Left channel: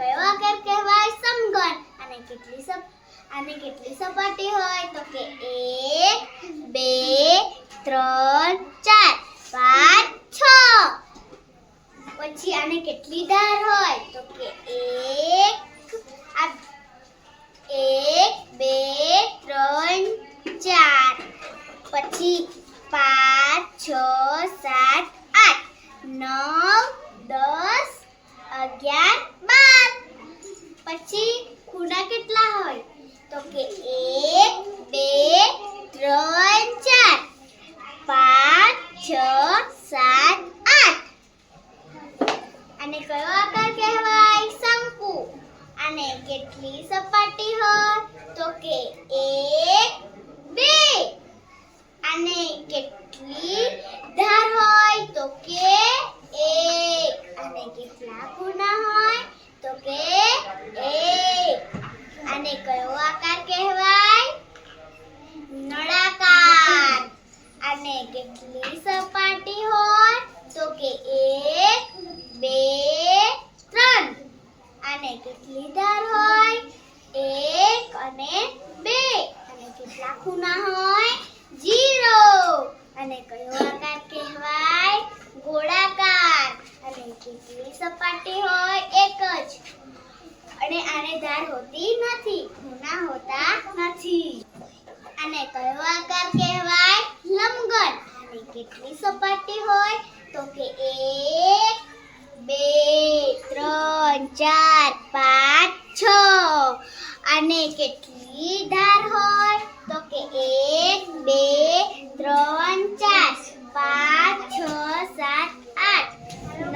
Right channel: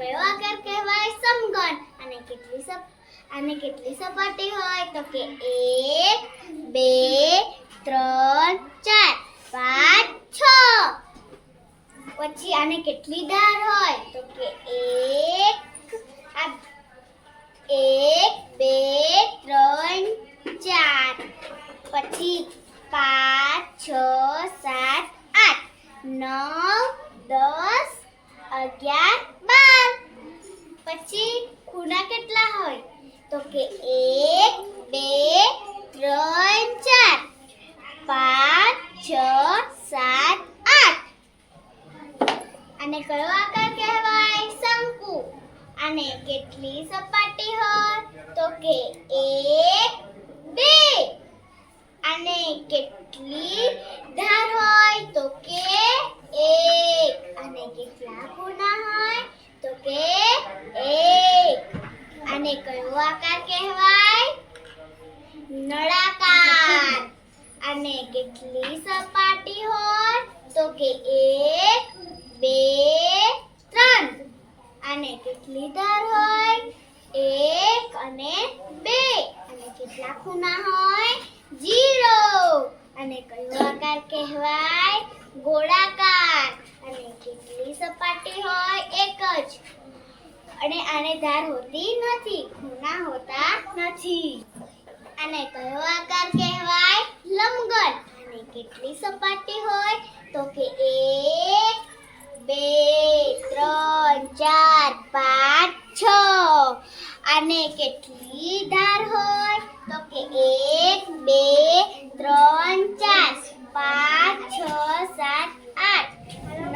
કયો આકાર કહેવાય? સમઘન. આને કેટલી સપાટી હોય? તો કે 1 2 3 4 5 6. પછી આને કેટલી ધાર હોય? તો કે 1 2 3 4. પછી 5 6 7 8 9 10 11 12. પછી ખૂણા કેટલા હોય? તો કે 1 2 3 4 5 6 7 8. આને કયો આકાર કહેવાય? શંકુ. આને કેટલી સપાટી હોય? તો કે 1 2. આને કેટલી ધાર હોય? તો કે 1. આને કેટલા ખૂણા હોય? તો કે 1. આને કયો આકાર કહેવાય? નળાકાર. આને કેટલી સપાટી હોય? તો કે 1 2 3. આને કેટલી ધાર હોય? 1 અને 2. આને કેટલા ખૂણા હોય? 0. આને કયો આકાર કહેવાય? ગોળાકાર. આને કેટલી સપાટી હોય? 1 જ. અને આને ધાર હોતી નથી, ખૂણા હોતા નથી. આને કયો આકાર કહેવાય? લંબઘન. આને કેટલી સપાટી હોય? તો કે 1 2 3 4 5 6. આને કેટલી ધાર હોય? તો કે 1 2 3 4 5 6 7 8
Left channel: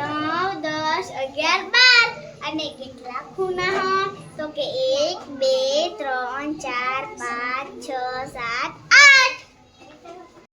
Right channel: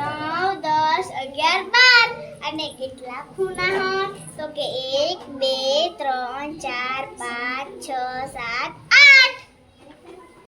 9 10 11 12. અને કેટલા ખૂણા હોય? તો કે 1 2 3 4 5